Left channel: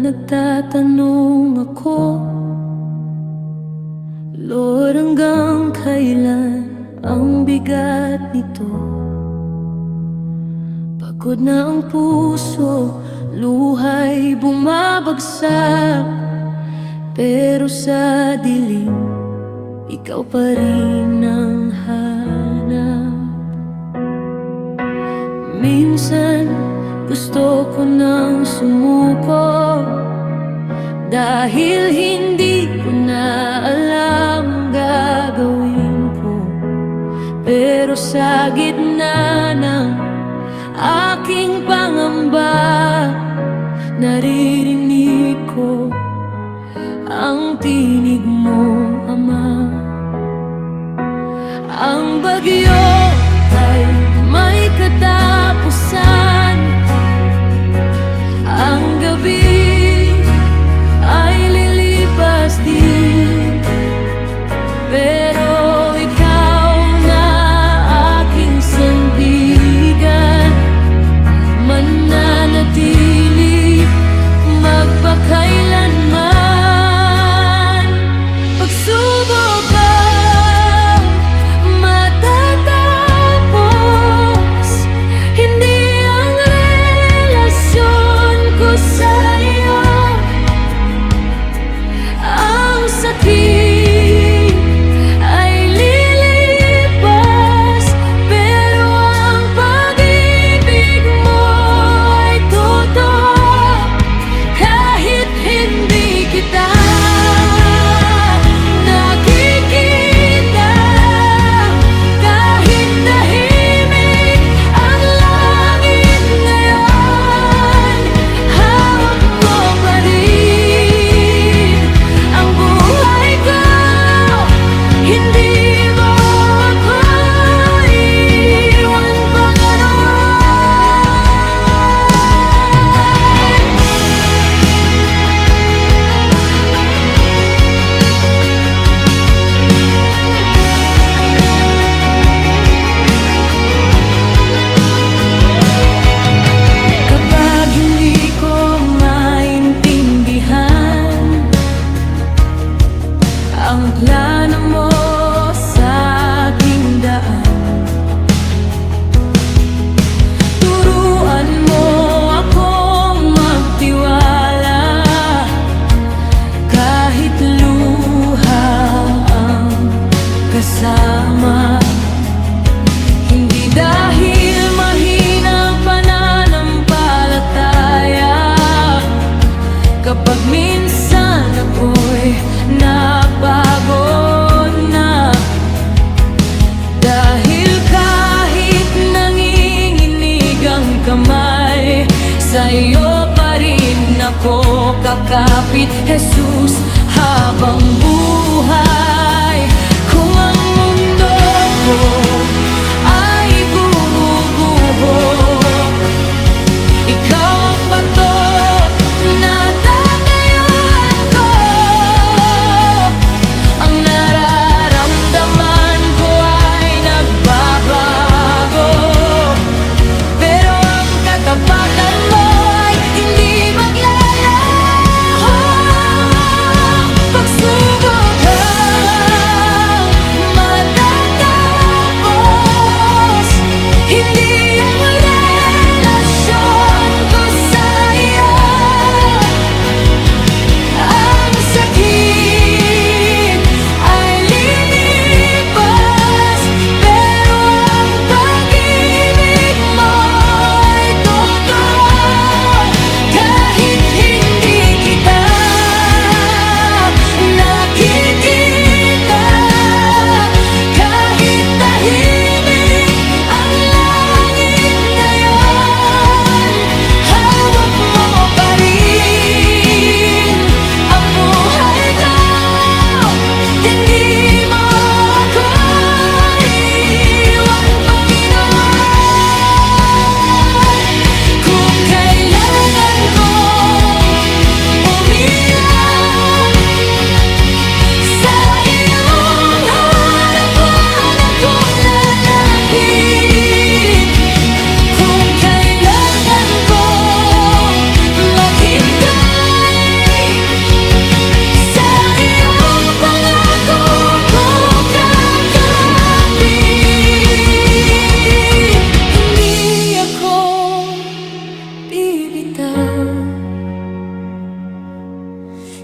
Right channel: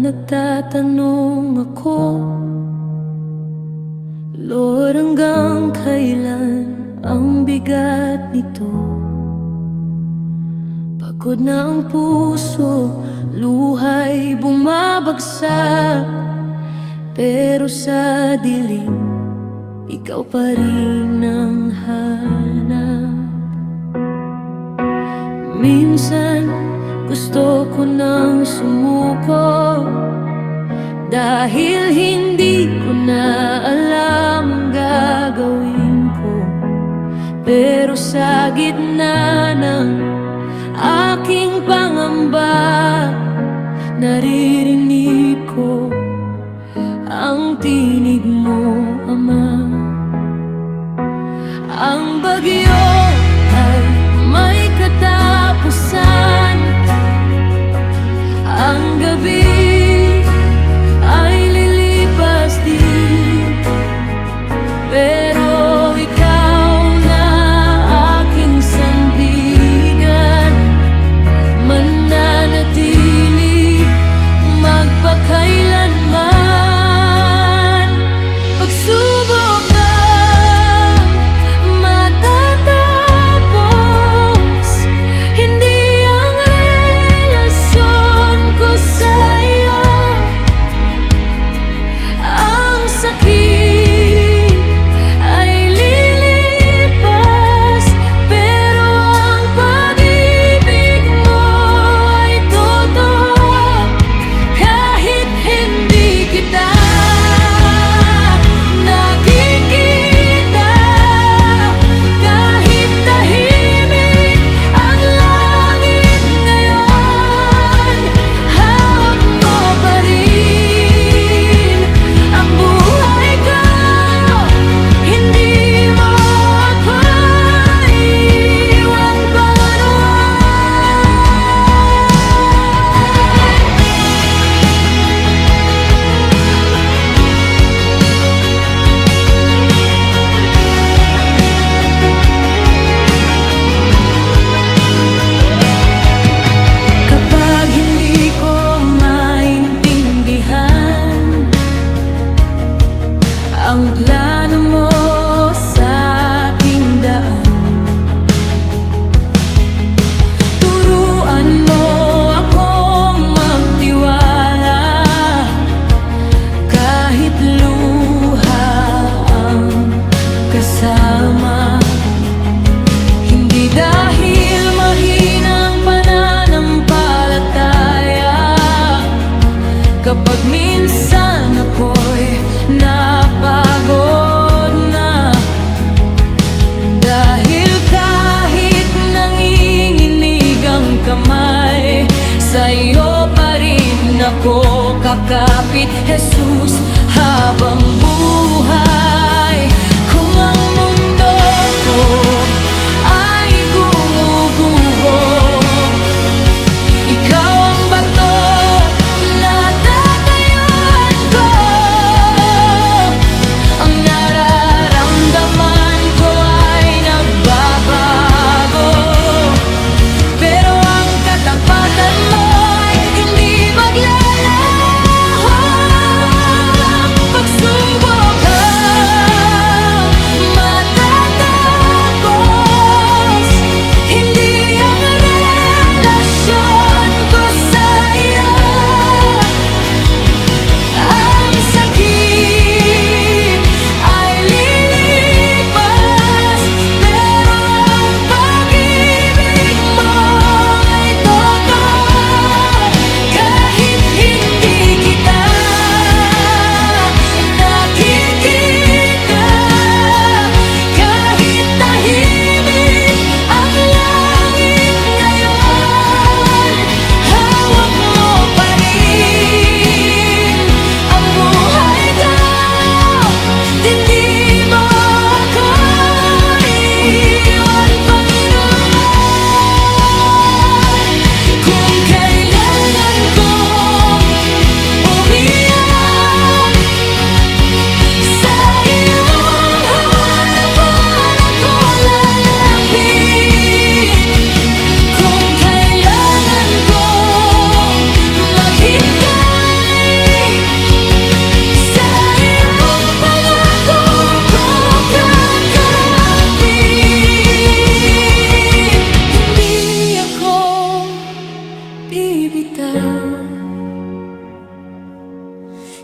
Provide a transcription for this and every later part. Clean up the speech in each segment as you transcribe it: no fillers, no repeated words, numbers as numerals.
nagtatanong ako, Lord, hanggang kailan ang bigat nito? Pagod na ang puso, luha'y bumabagsak, pero sa dilim, ikaw pa rin ang hanap. Minsan, gusto ko nang sumuko, dahil hindi ko na alam ang gagawin ko. Pero sa gitna ng aking pangamba, naririnig ko ang tinig mo, Ama. Ang bagyo ay may katapusan, ang gabi ay lilipas din, pero ikaw na aking sandigan, mananatili magpakailanman. Pagsubok ang matatapos, hindi ang relasyon ko sa'yo. Ang sakit ay lilipas, pero ang pag-ibig mo ay totoo. Kahit hindi kita nakikita, kahit tahimik ang langit ngayon, hawak mo pa rin ang buhay ko. Hindi mo ako iwan Panginoon. Kapag hindi ko maintindihan ang plano mo sa aking daan, turuan mo akong magtiwala, kahit luha ang kasama. Hindi dahil mahinang pananampalataya, kapag minsan ako'y napagod na, dahil kahit nanginginig ang kamay, sa'yo pa rin ako kakapit, Jesus, habang buhay. Kung ang mundo ko ay gumuguho, ikaw ang bato na tatayuan ko. Ang nararamdaman ko ay nagbabago, pero ang katapatan mo ay hindi maglalaho. Pagsubok ang matatapos, hindi ang relasyon ko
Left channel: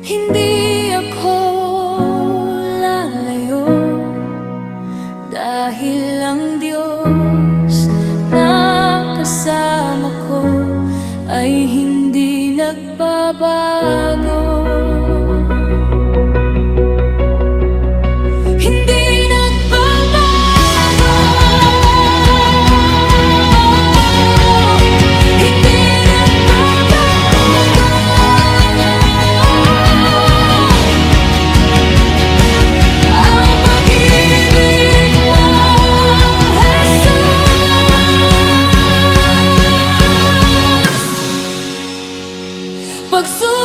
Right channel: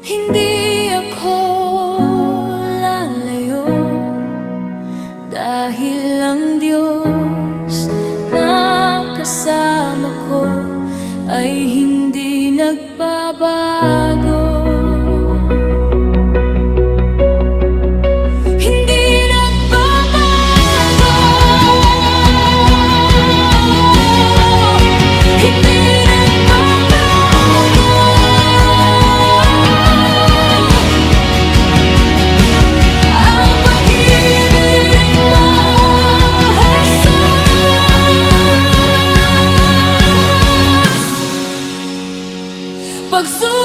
Hindi ako lalayo, dahil ang Diyos na kasama ko ay hindi nagbabago. Hindi nagbabago, hindi nagbabago. Ang pag-ibig mo, Jesus, pagsusunod